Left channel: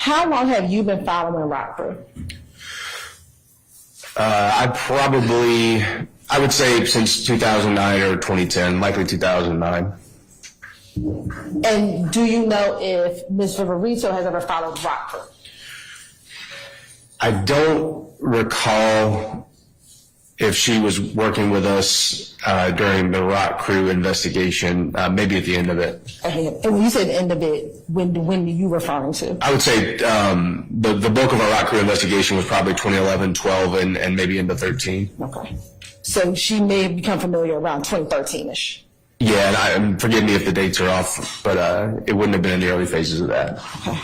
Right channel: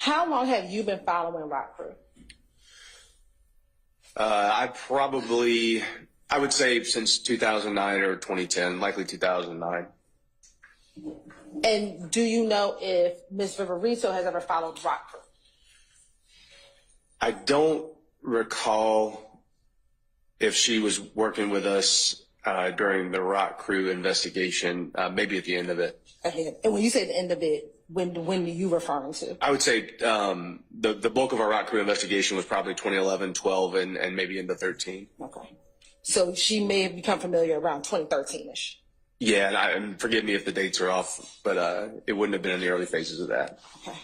How long have you been following Rock Crew? I would say since 2009 or 2010, likely 2009. And do you know if Ms. Viverito has ever followed Rock Crew? I don't recall if she was working with us during the Rock Crew investigation, maybe at the end of it. Okay. And when you said the end of it, when are you referring to? I would say the bulk of our Rock Crew investigation was probably 2011, 12, and maybe into 13. Okay. So she may have become familiar around 2013-ish. Yeah, and forgive me if the dates are off, but it wouldn't have been in the early phases of that. Okay.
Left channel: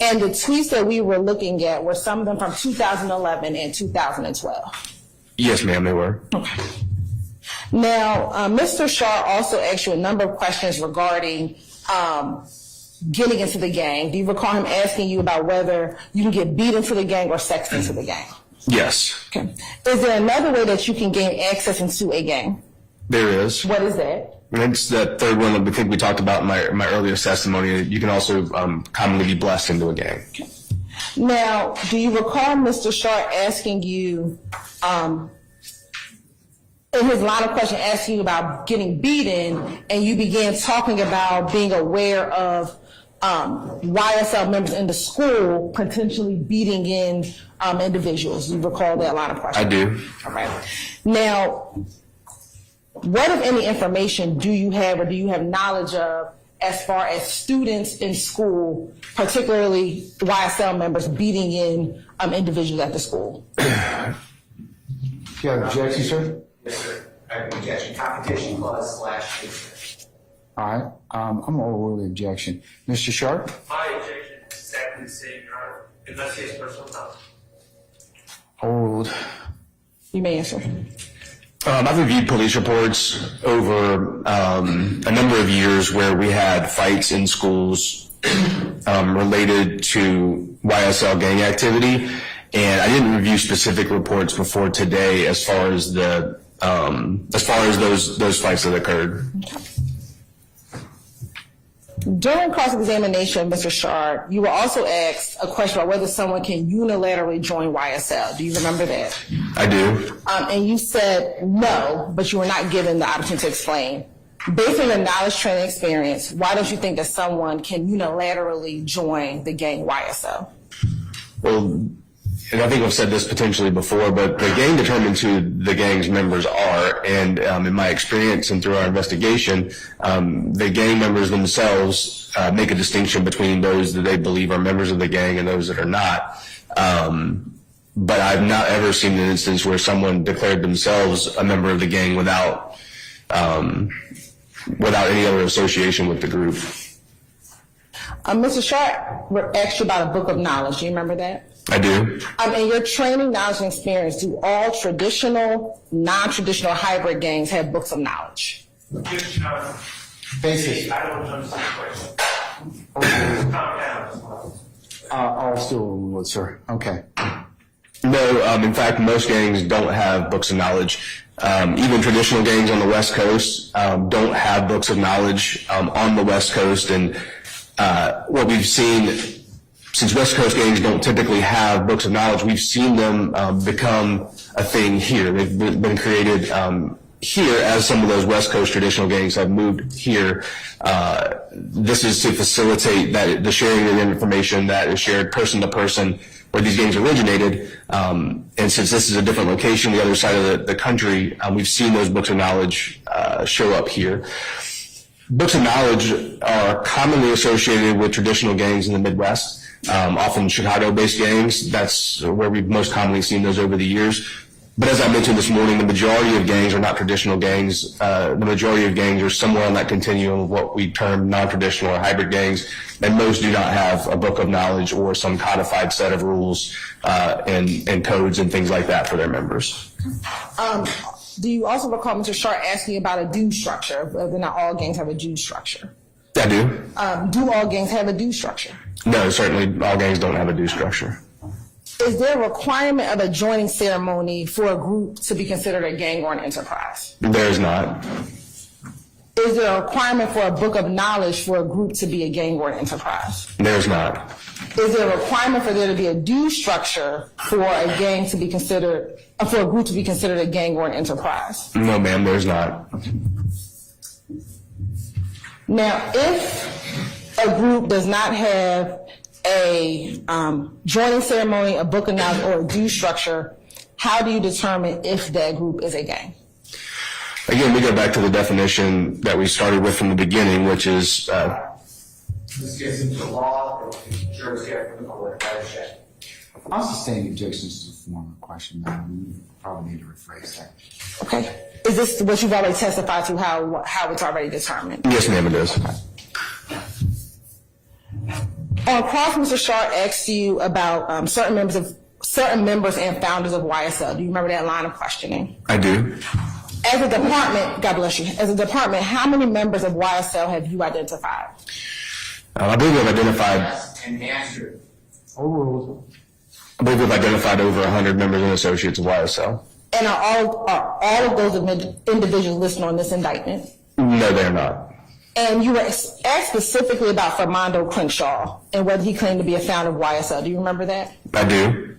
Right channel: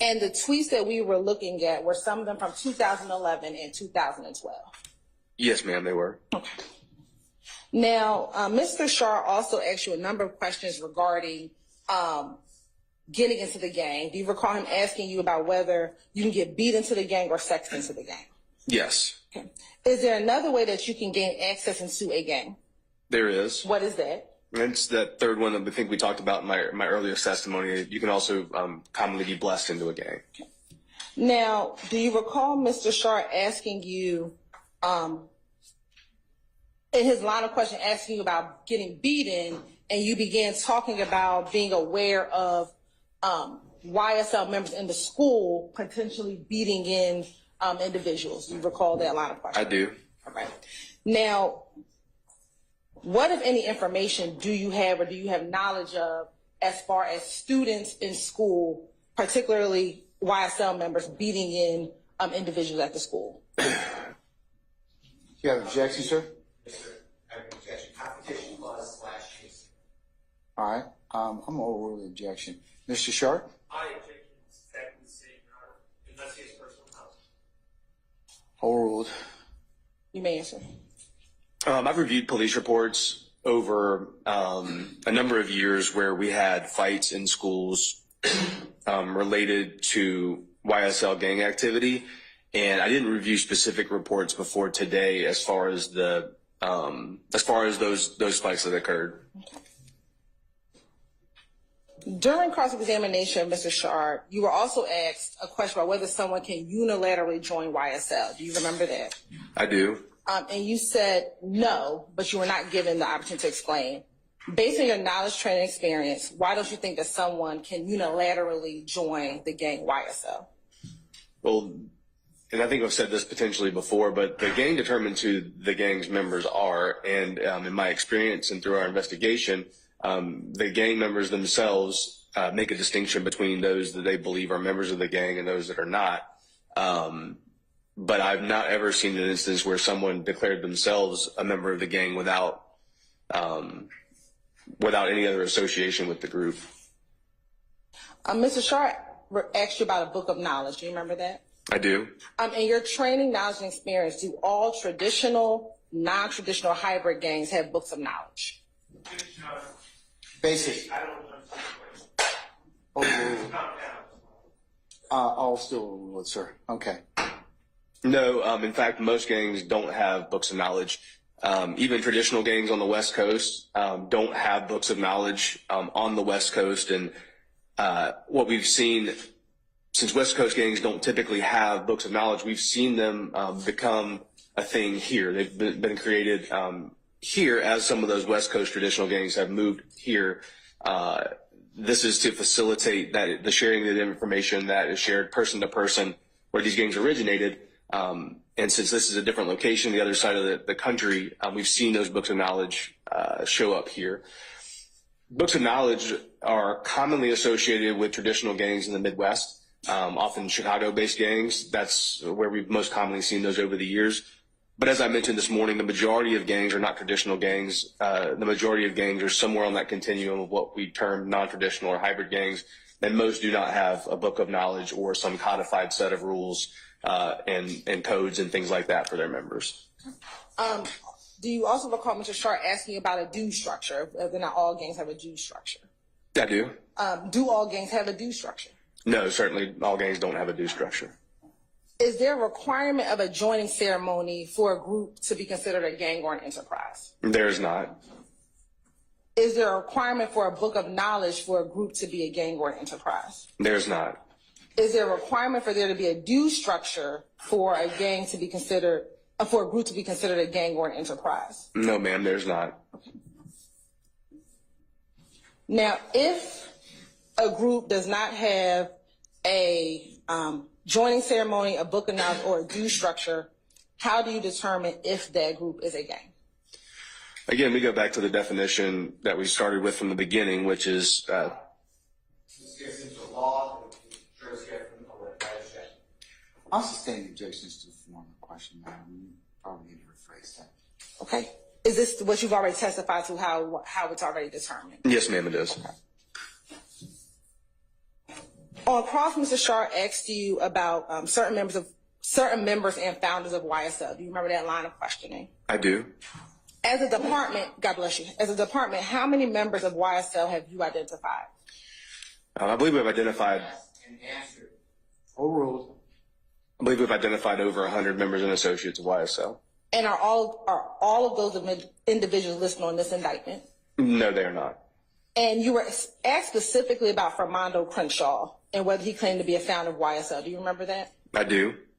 And the tweets that we were looking at were some of them from 2011 and 2012. Yes, ma'am, they were. Okay. Now, Mr. Shaw also asked you a number of questions regarding getting into the gang. Do you recall him asking you about whether you can get beat into the gang or sexed into the gang? Yes. Okay. Is there another way that you can gain access into a gang? There is. What is that? And it's that third one that I think we talked about in my earlier testimony. You can also commonly be blessed into a gang. Okay. Now, do you recall Mr. Shaw asking you, in his line of question, asking you about getting beaten, and you began talking about being aware of YSL members in the school potentially beating in individuals? Do you recall that line of question? I do. All right. Now, what, if any, information do you have or do you have knowledge of as far as students in school, particularly YSL members, beating in individuals at the school? You have an objection, sir? Yes, sir. I have an objection. Competition clause / All right. I'm overrule the objection. Mr. Sharp? My objection is exactly the same, Your Honor, unless he has personal knowledge. Overruled. You may answer. I've reviewed police reports over a number of years where we had fights in schools related to YSL gang activity, and I didn't review specific reports before today as far as those fights that occurred. During cross-examination, Mr. Shard, you were also asked a question about whether someone can unilaterally join YSL. Do you remember that? I do. And you said no, but you were not given the opportunity to explain. Based on your knowledge, training, experience, why don't you think that someone can unilaterally join the gang YSL? Well, and I think I've said this potentially before, but the gang determines who the gang's members are, and in my experience and through our investigation, the gang members themselves make a distinction between those that they believe are members of the gang and those that are not. But I've not ever seen an instance where someone declared themselves a member of the gang without any other association with the group. Mr. Shard asked you about a book of knowledge. Do you remember that? I do. In your training, knowledge, and experience, do all traditional, non-traditional hybrid gangs have books of knowledge? Yes, Your Honor. Basis. I don't understand the question. Calm down. I'll still overrule it, sir. Okay. No, in fact, most gangs don't have books of knowledge. Even traditional gangs on the West Coast don't have books of knowledge on the West Coast. And what we've seen, since West Coast gangs don't typically have books of knowledge, we've seen them become a thing here. They've been created here as some of those West Coast traditional gangs have moved here. This is to facilitate the sharing of information that is shared person to person where these gangs originated. And since this is a different location, the other side of the country, we've seen those books of knowledge show up here. Books of knowledge are commonly associated with traditional gangs in the Midwest. Often Chicago-based gangs, that's where we've most commonly seen those over the years. But as I mentioned this morning, the majority of gangs are not traditional gangs. The majority of gangs are somewhere on that continuum of what we term non-traditional or hybrid gangs, and most do not have a book of knowledge or some codified set of rules and codes and things like that for their members. Do you also recall Mr. Sharp asking about a due structure, whether or not all gangs have a due structure? I do. Do all gangs have a due structure? No, certainly all gangs don't have a due structure. Is there a requirement of a joining ceremony for a group to be considered a gang or an enterprise? There is not. Is there a requirement for a book of knowledge for a group to be a gang or an enterprise? There's not. Is there a requirement for there to be a due structure for a gang to be considered, for a group to be considered a gang or an enterprise? No, ma'am, there's not. Now, if a group does not have a joining ceremony, a book of knowledge, or a due structure, how do you determine if that group is a gang? Again, we go back to the definition that we started with from the beginning, which is This gets into the law, jurisdiction from the court, objection. I'll sustain the objection to the former question, Madam. You probably need to rephrase that. Okay. Is this what you've already testified to, how it's already determined? yes, ma'am, it is. On cross, Mr. Sharp asked you about certain members and founders of YSL. Do you remember that line of questioning? I do. As a department, God bless you, as a department, how many members of YSL have you identified? I believe we've identified. And answer. Overruled. I believe we've identified over 100 members and associates of YSL. And are all of those individuals listed on this indictment? No, they're not. And you were asked specifically about Fermondo Crenshaw and whether he claimed to be a founder of YSL. Do you remember that? I do.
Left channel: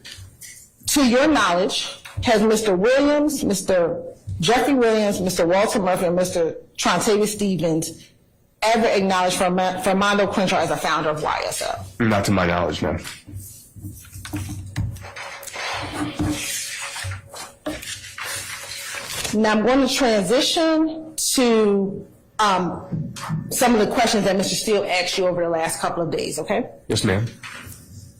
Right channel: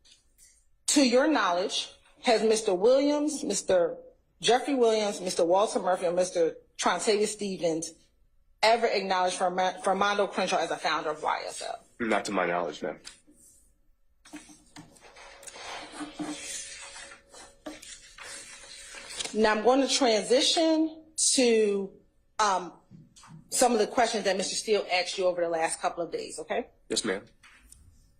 To your knowledge, has Mr. Williams, Mr. Jeffery Williams, Mr. Walter Murphy, and Mr. Trontavious Stevens ever acknowledged Fermondo Crenshaw as a founder of YSL? Not to my knowledge, no. Now I'm going to transition to some of the questions that Mr. Steele asked you over the last couple of days, okay? Yes, ma'am.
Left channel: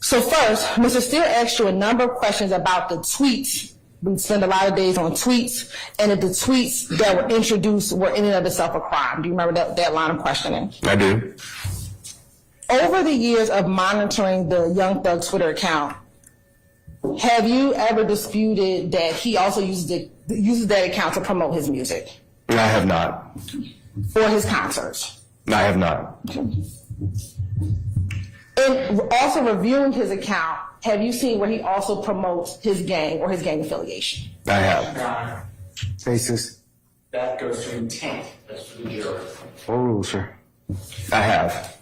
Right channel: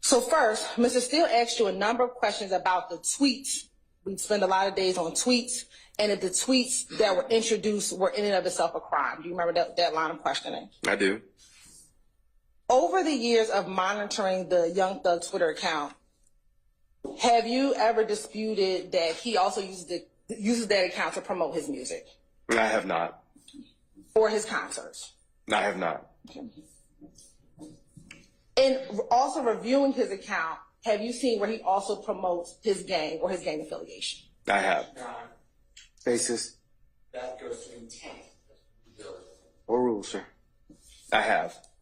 So first, Mr. Steele asked you a number of questions about the tweets. We spend a lot of days on tweets, and if the tweets that were introduced were in and of itself a crime. Do you remember that line of questioning? I do. Over the years of monitoring the Young Thug Twitter account, have you ever disputed that he also uses that account to promote his music I have not. or his concerts? I have not. And also reviewing his account, have you seen where he also promotes his gang or his gang affiliation? I have. Your Honor, Basis. that goes to intent, that's for the jury. Overruled, sir. I have.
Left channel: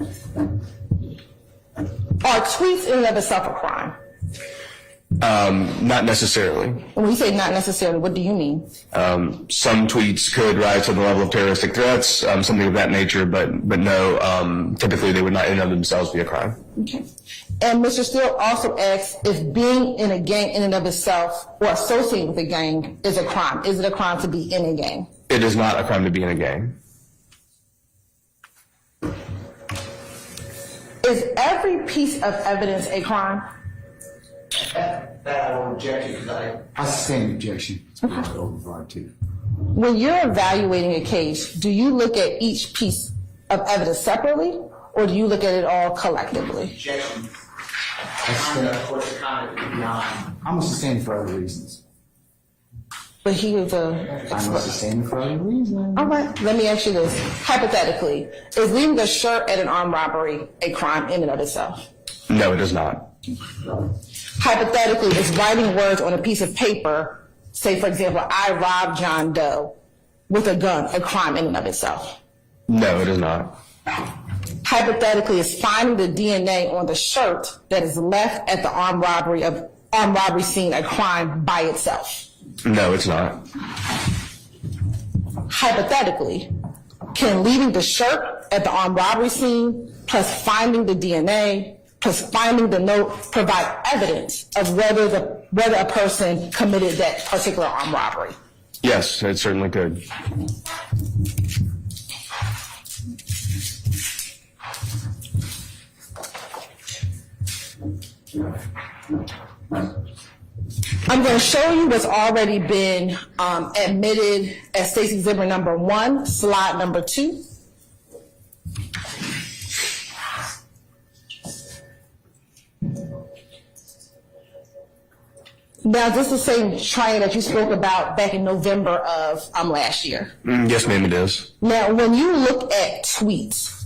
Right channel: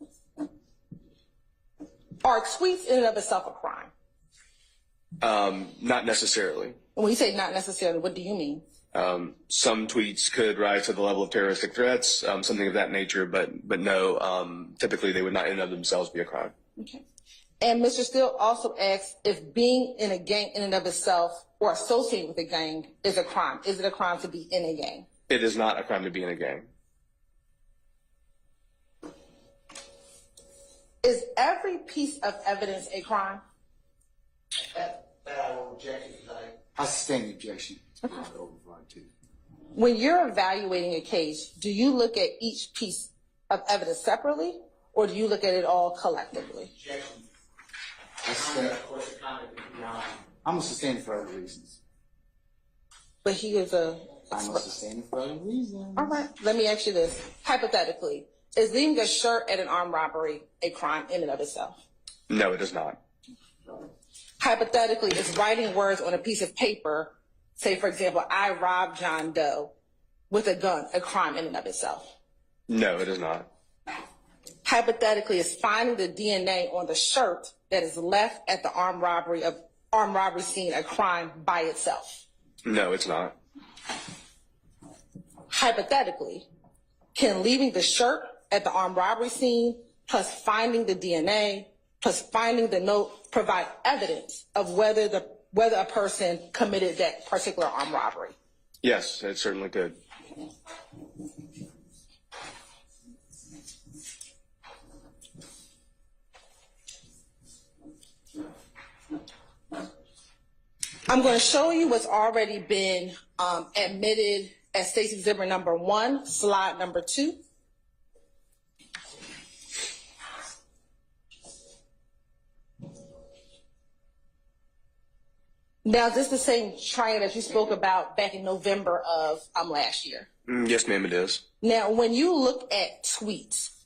Are tweets in and of itself a crime? Not necessarily. And when you say not necessarily, what do you mean? Some tweets could rise to the level of terroristic threats, something of that nature, but no, typically they would not in and of themselves be a crime. Okay. And Mr. Steele also asks if being in a gang in and of itself or associating with a gang is a crime. Is it a crime to be in a gang? It is not a crime to be in a gang. Is every piece of evidence a crime? That I will object to, because I sustain the objection. It's been overruled too. When you're evaluating a case, do you look at each piece of evidence separately or do you look at it all collectively? objection. The court's comment beyond. I'm going to sustain it for other reasons. But he is a... I'm going to sustain it for other reasons. All right, let me ask you this. Hypothetically, is leaving a shirt at an armed robbery a crime in and of itself? No, it is not. Hypothetically, is writing words on a piece of paper, say for example, I robbed John Doe with a gun, a crime in and of itself? No, it is not. Hypothetically, is finding the DNA on the shirt that is left at the armed robbery scene a crime by itself? No, it's not. Hypothetically, can leaving the shirt at the armed robbery scene plus finding the DNA plus finding the note provide evidence of whether a person committed that particular armed robbery? Yes, it certainly could. I'm going to show you what's already been admitted as Stacy Exhibit number 1, slide number 2. Now, this is the same training that you spoke about back in November of last year. Yes, ma'am, it is. Now, when you look at tweets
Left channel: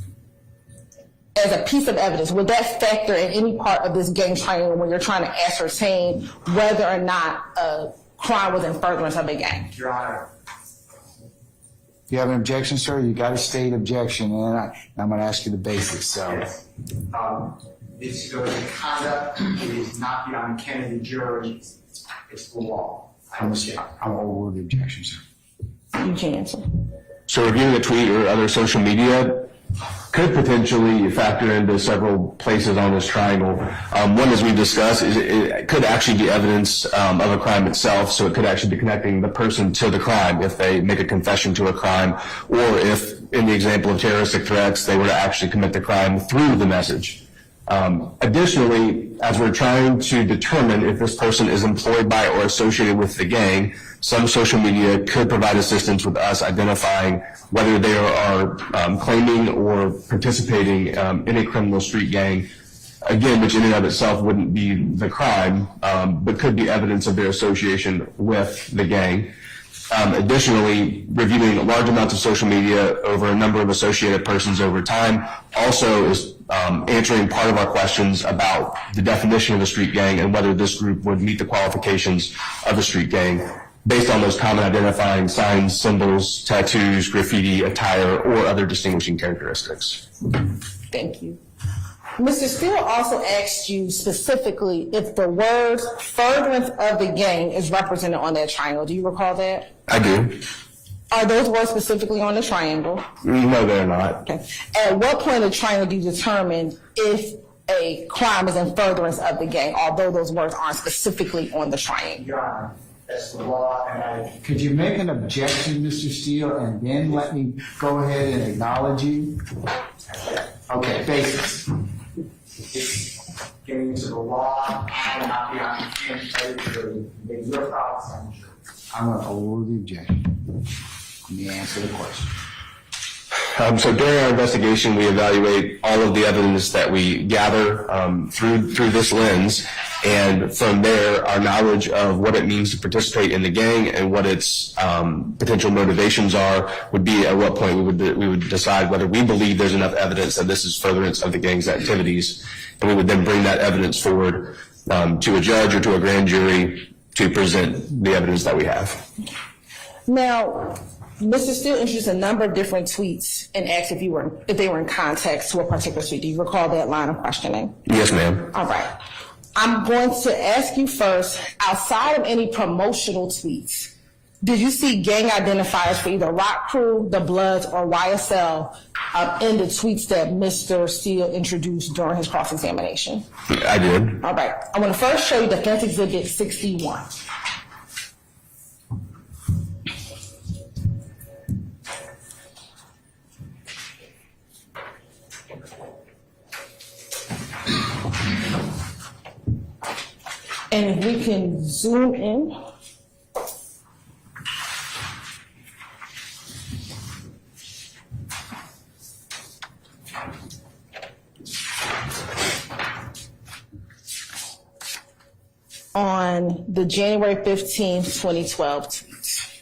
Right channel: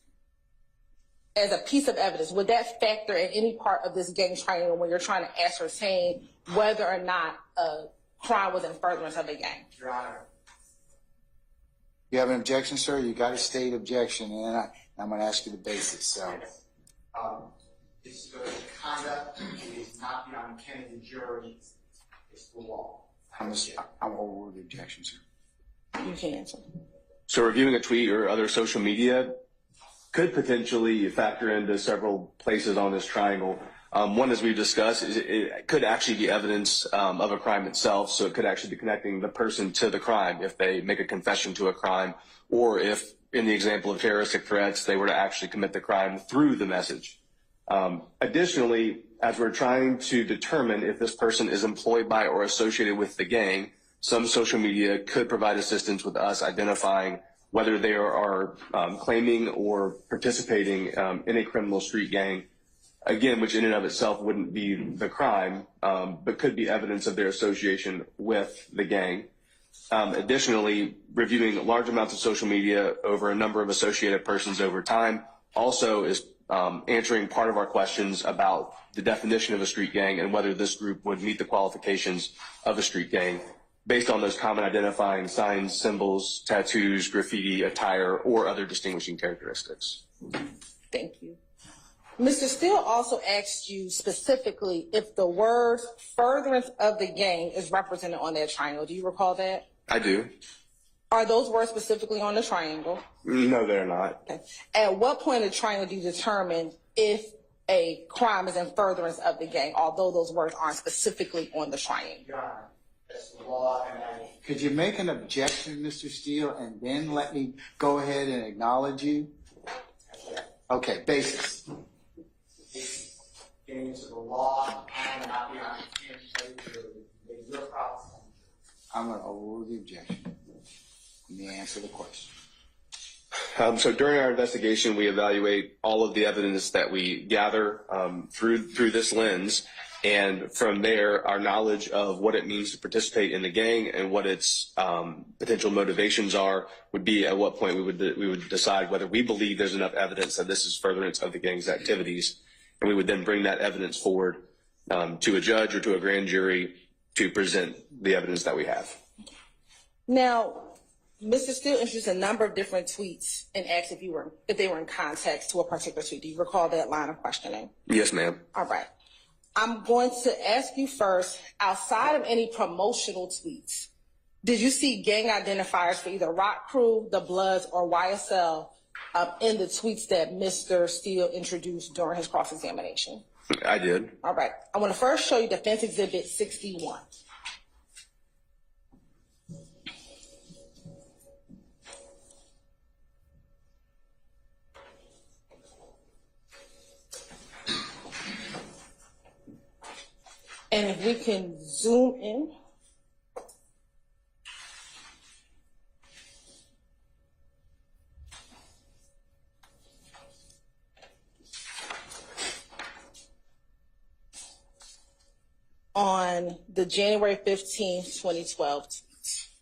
as a piece of evidence, would that factor in any part of this gang training when you're trying to ascertain whether or not a crime was in furtherance of a gang? Your Honor, You have an objection, sir? You got to state objection, and I'm going to ask you the basics. So, Yes. This goes to conduct. It is not beyond ken of the jury. It's the law. I'm going to overrule the objection, sir. You can answer. So reviewing a tweet or other social media could potentially factor into several places on this triangle. One, as we discussed, is it could actually be evidence of a crime itself, so it could actually be connecting the person to the crime if they make a confession to a crime, or if, in the example of terroristic threats, they were to actually commit the crime through the message. Additionally, as we're trying to determine if this person is employed by or associated with the gang, some social media could provide assistance with us identifying whether they are claiming or participating in a criminal street gang, again, which in and of itself wouldn't be the crime, but could be evidence of their association with the gang. Additionally, reviewing large amounts of social media over a number of associated persons over time also is answering part of our questions about the definition of a street gang and whether this group would meet the qualifications of a street gang based on those common identifying signs, symbols, tattoos, graffiti, attire, or other distinguishing characteristics. Thank you. Mr. Steele also asked you specifically if the word furtherance of the gang is represented on that triangle. Do you recall that? I do. Are those words specifically on the triangle? No, they're not. Okay. At what point in the triangle do you determine if a crime is in furtherance of the gang, although those words aren't specifically on the triangle? Your Honor, that's the law, and I Could you make an objection, Mr. Steele, and then let me go ahead and acknowledge you? Okay, basics. it's getting into the law and not beyond ken of the jury. Make your thoughts on the jury. I'm going to overrule the objection. Let me answer the question. So during our investigation, we evaluate all of the evidence that we gather through this lens, and from there, our knowledge of what it means to participate in the gang and what its potential motivations are would be at what point we would decide whether we believe there's enough evidence that this is furtherance of the gang's activities, and we would then bring that evidence forward to a judge or to a grand jury to present the evidence that we have. Now, Mr. Steele introduced a number of different tweets and asked if they were in context to a particular tweet. Do you recall that line of questioning? Yes, ma'am. All right. I'm going to ask you first, outside of any promotional tweets, did you see gang identifiers for either Rock Crew, the Bloods, or YSL in the tweets that Mr. Steele introduced during his cross-examination? I did. All right. I want to first show you Defense Exhibit 61. And if we can zoom in. On the January 15th, 2012 tweets.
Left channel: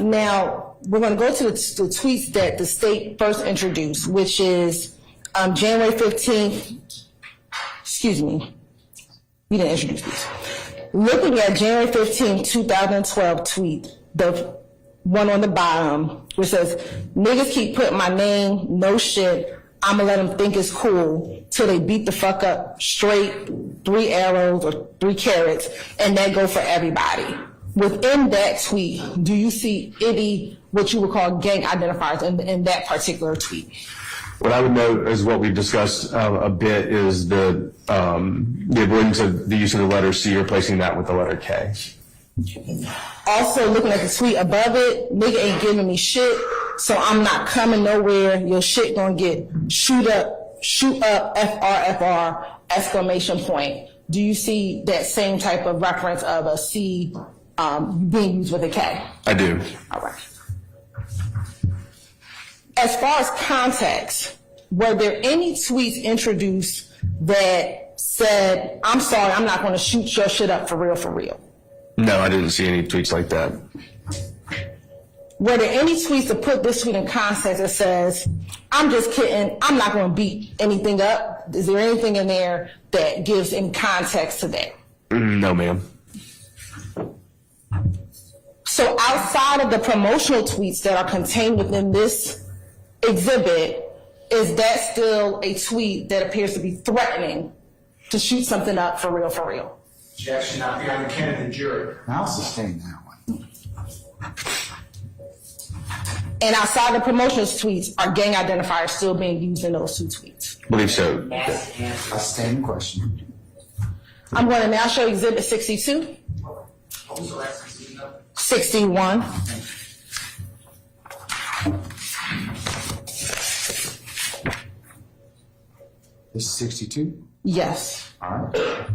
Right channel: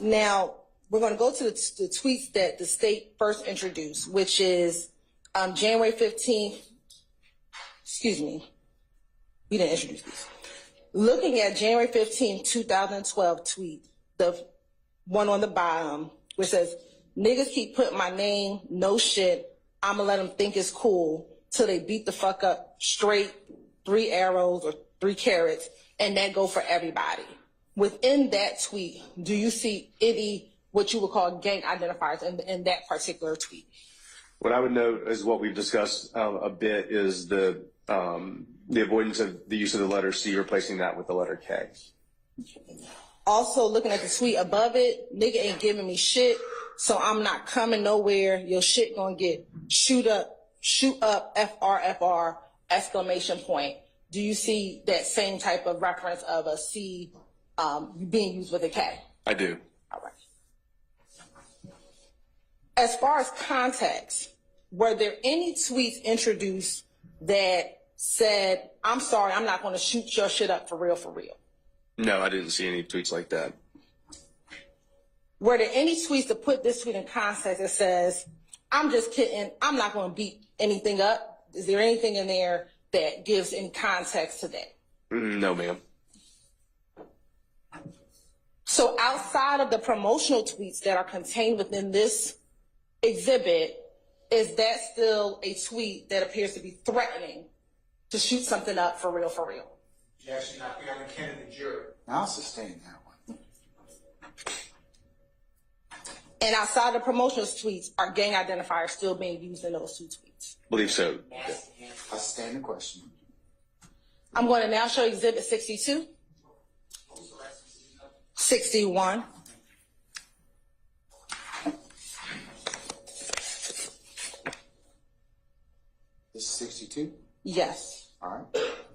Now, we're going to go to the tweets that the state first introduced, which is January 15th, excuse me, you didn't introduce these. Looking at January 15th, 2012 tweet, the one on the bottom, which says, niggas keep putting my name, no shit, I'ma let them think it's cool till they beat the fuck up straight, 3 arrows or 3 carrots, and that go for everybody. Within that tweet, do you see any, what you would call gang identifiers in that particular tweet? What I would note is what we've discussed a bit is the avoidance of the use of the letter C, replacing that with the letter K. Also, looking at the tweet above it, nigga ain't giving me shit, so I'm not coming nowhere. Your shit gonna get shoot up, FR, exclamation point. Do you see that same type of reference of a C being used with a K? I do. All right. As far as context, were there any tweets introduced that said, I'm sorry, I'm not gonna shoot your shit up for real, for real? No, I didn't see any tweets like that. Were there any tweets to put this tweet in context that says, I'm just kidding, I'm not going to beat anything up? Is there anything in there that gives in context to that? No, ma'am. So outside of the promotional tweets that are contained within this exhibit, is that still a tweet that appears to be threatening to shoot something up for real, for real? Objection not beyond the ken of the jury. I'll sustain that one. And outside the promotional tweets, are gang identifiers still being used in those two tweets? I believe so. I'll sustain the question. I'm going to now show exhibit 62, 61. This is 62? Yes. All right.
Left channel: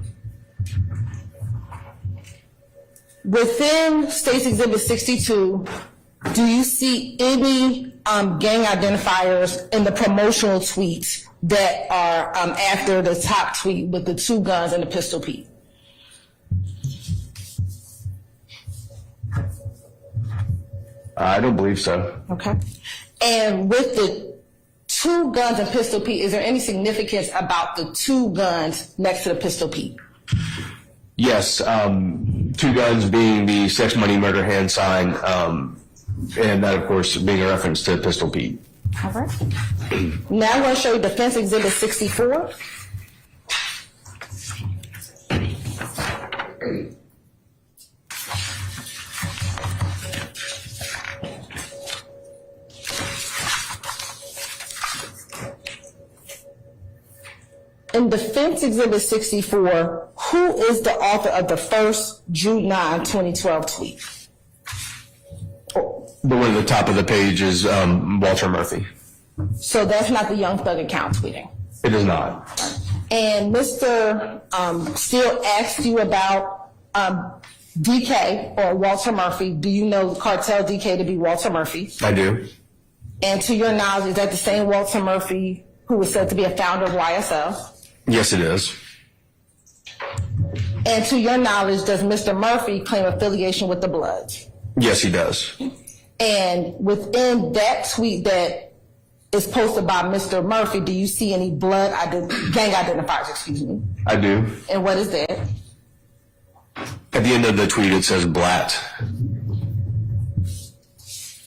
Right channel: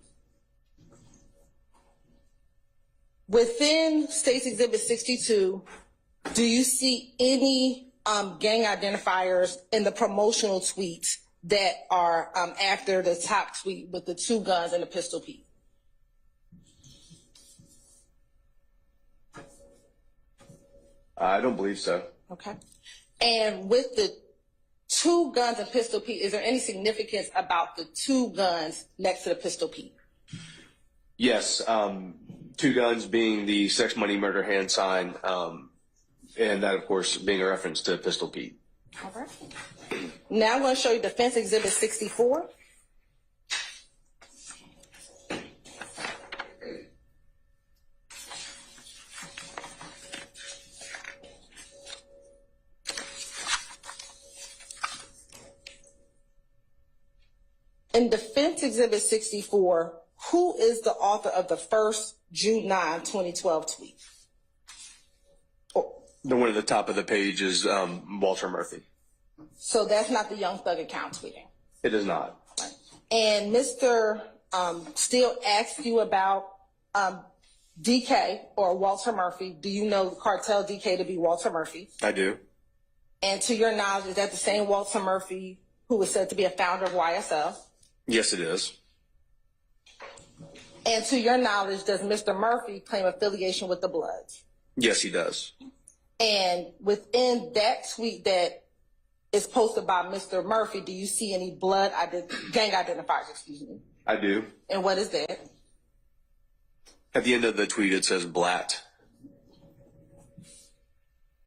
Within State's Exhibit 62, do you see any gang identifiers in the promotional tweets that are after the top tweet with the two guns and the pistol Pete? I don't believe so. Okay. And with the two guns and pistol Pete, is there any significance about the two guns next to the pistol Pete? Yes, two guns being the sex, money, murder hand sign, and that, of course, being a reference to Pistol Pete. All right. Now I'm going to show you Defense Exhibit 64. In Defense Exhibit 64, who is the author of the first June 9, 2012 tweet? The one at the top of the page is Walter Murphy. So that's not the Young Thug account tweeting. It is not. And Mr. Steele asked you about DK or Walter Murphy. Do you know Cartel DK to be Walter Murphy? I do. And to your knowledge, is that the same Walter Murphy who was said to be a founder of YSL? Yes, it is. And to your knowledge, does Mr. Murphy claim affiliation with the Bloods? Yes, he does. And within that tweet that is posted by Mr. Murphy, do you see any gang identifiers, excuse me? I do. And what is that? At the end of the tweet, it says Blatt,